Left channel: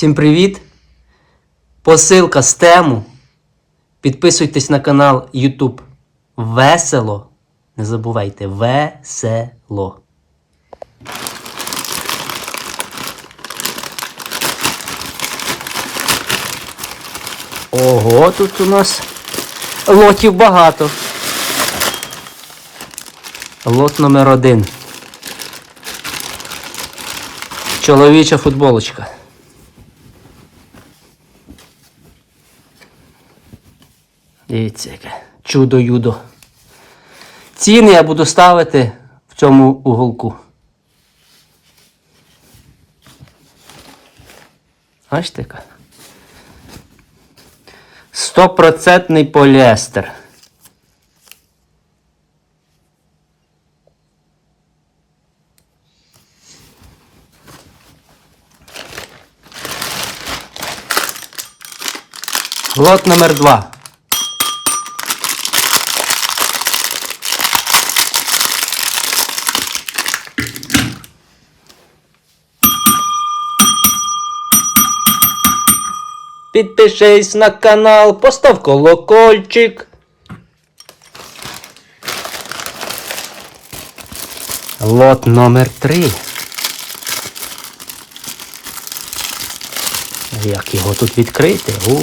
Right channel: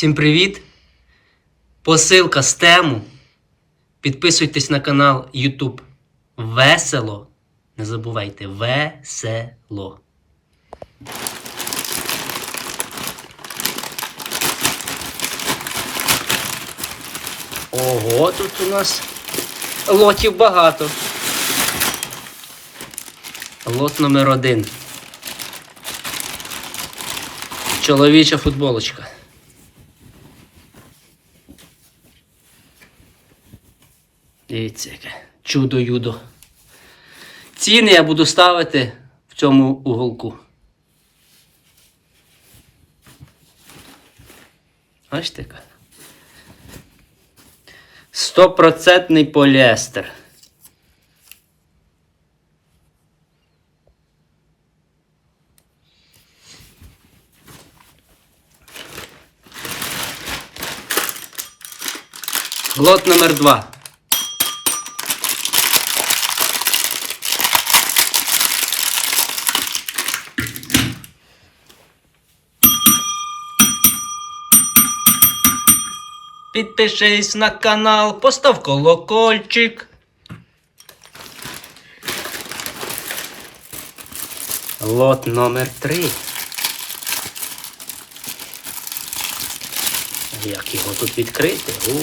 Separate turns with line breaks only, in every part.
Всім привіт! Посилка з тему. Підписуйтесь на канал YouTube Весело. Не забувайте весело. Ого, тут у нас лотів багато. Лот номер один. Чоловіча футболочка. Дивіться, яке чудо-юдо. Ціни я буду ставити в цьому уголку. Бачите? Стопроцентний поліестер. Лот номер два. Підпишись на канал, постав колокольчик. Лот номер три. Як його тут відкрити? У.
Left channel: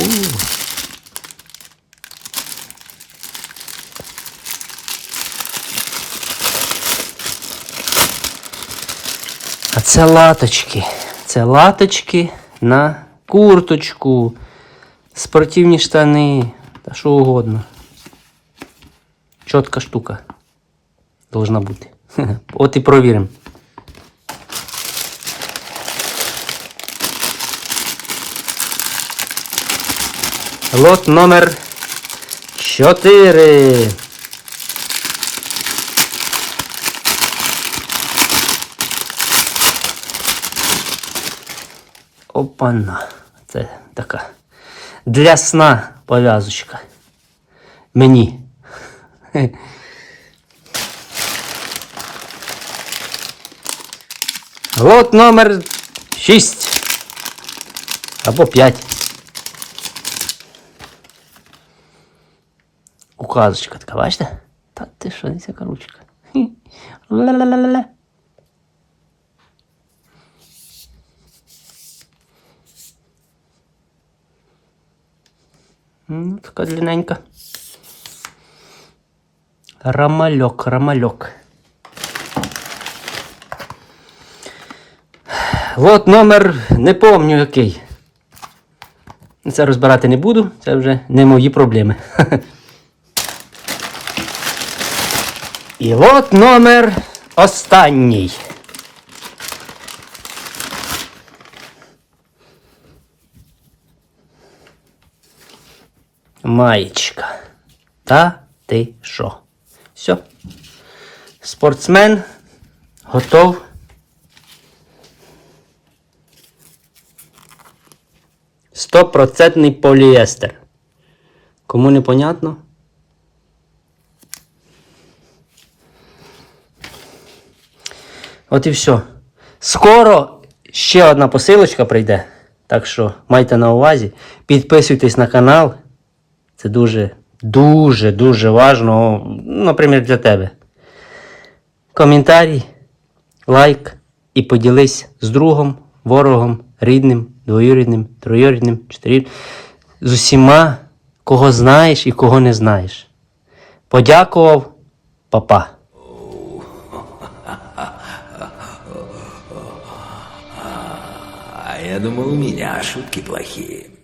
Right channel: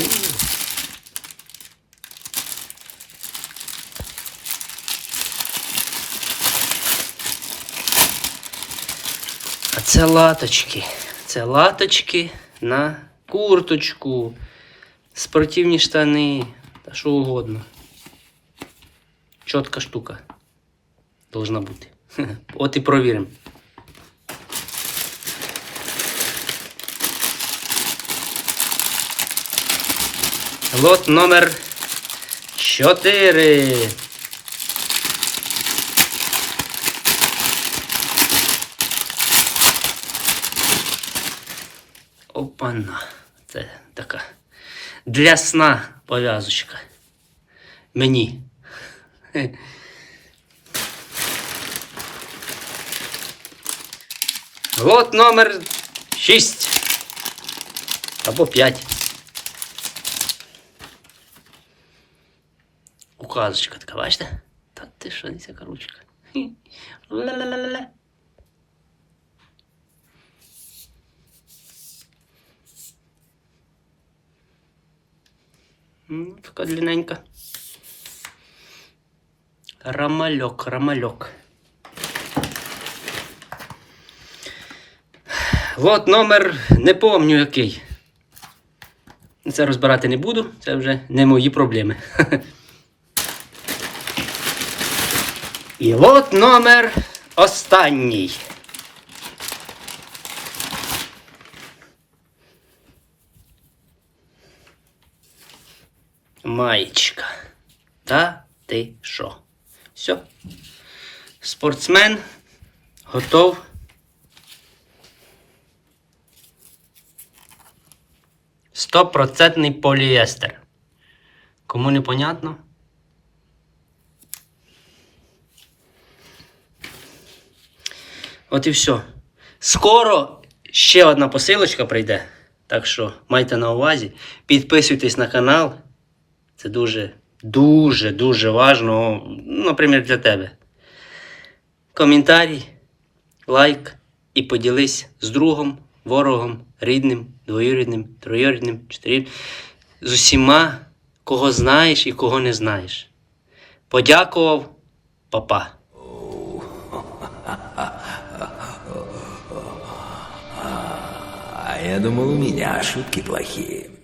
А це латочки. Це латочки на курточку, спортивні штани та що угодно. Чітка штука. Должна бути. От і провіримо. Лот номер 4. Опана. Це така. Для сна пов'язочка. Мені. Лот номер 6. Або 5. Указочка така, бачите? Та ти що, не ця ручка. Хі. Ла-ла-ла-ла-ла. М, Така длинненька. Ромальок, ромальок. От номер, не помню який. Це розбирати не буду, це вже не мої проблеми. І от номер останній. Маєчка. Та ти що? Все. Спортсмен готов. Стопроцентний поліестер. Кому не понятно? От і все. Скоро ще одна посилочка прийде. Так що майте на увазі. Підписуйтесь на канал. Це дуже, дуже, дуже ну, наприклад, для тебе. Коментарій, лайк і поділись з другом, ворогом, рідним, двоюрідним, троюрідним, чотирюрідним. З усіма, кого знаєш і кого не знаєш. Подякував, папа.
А я думал, у меня шутки плохие.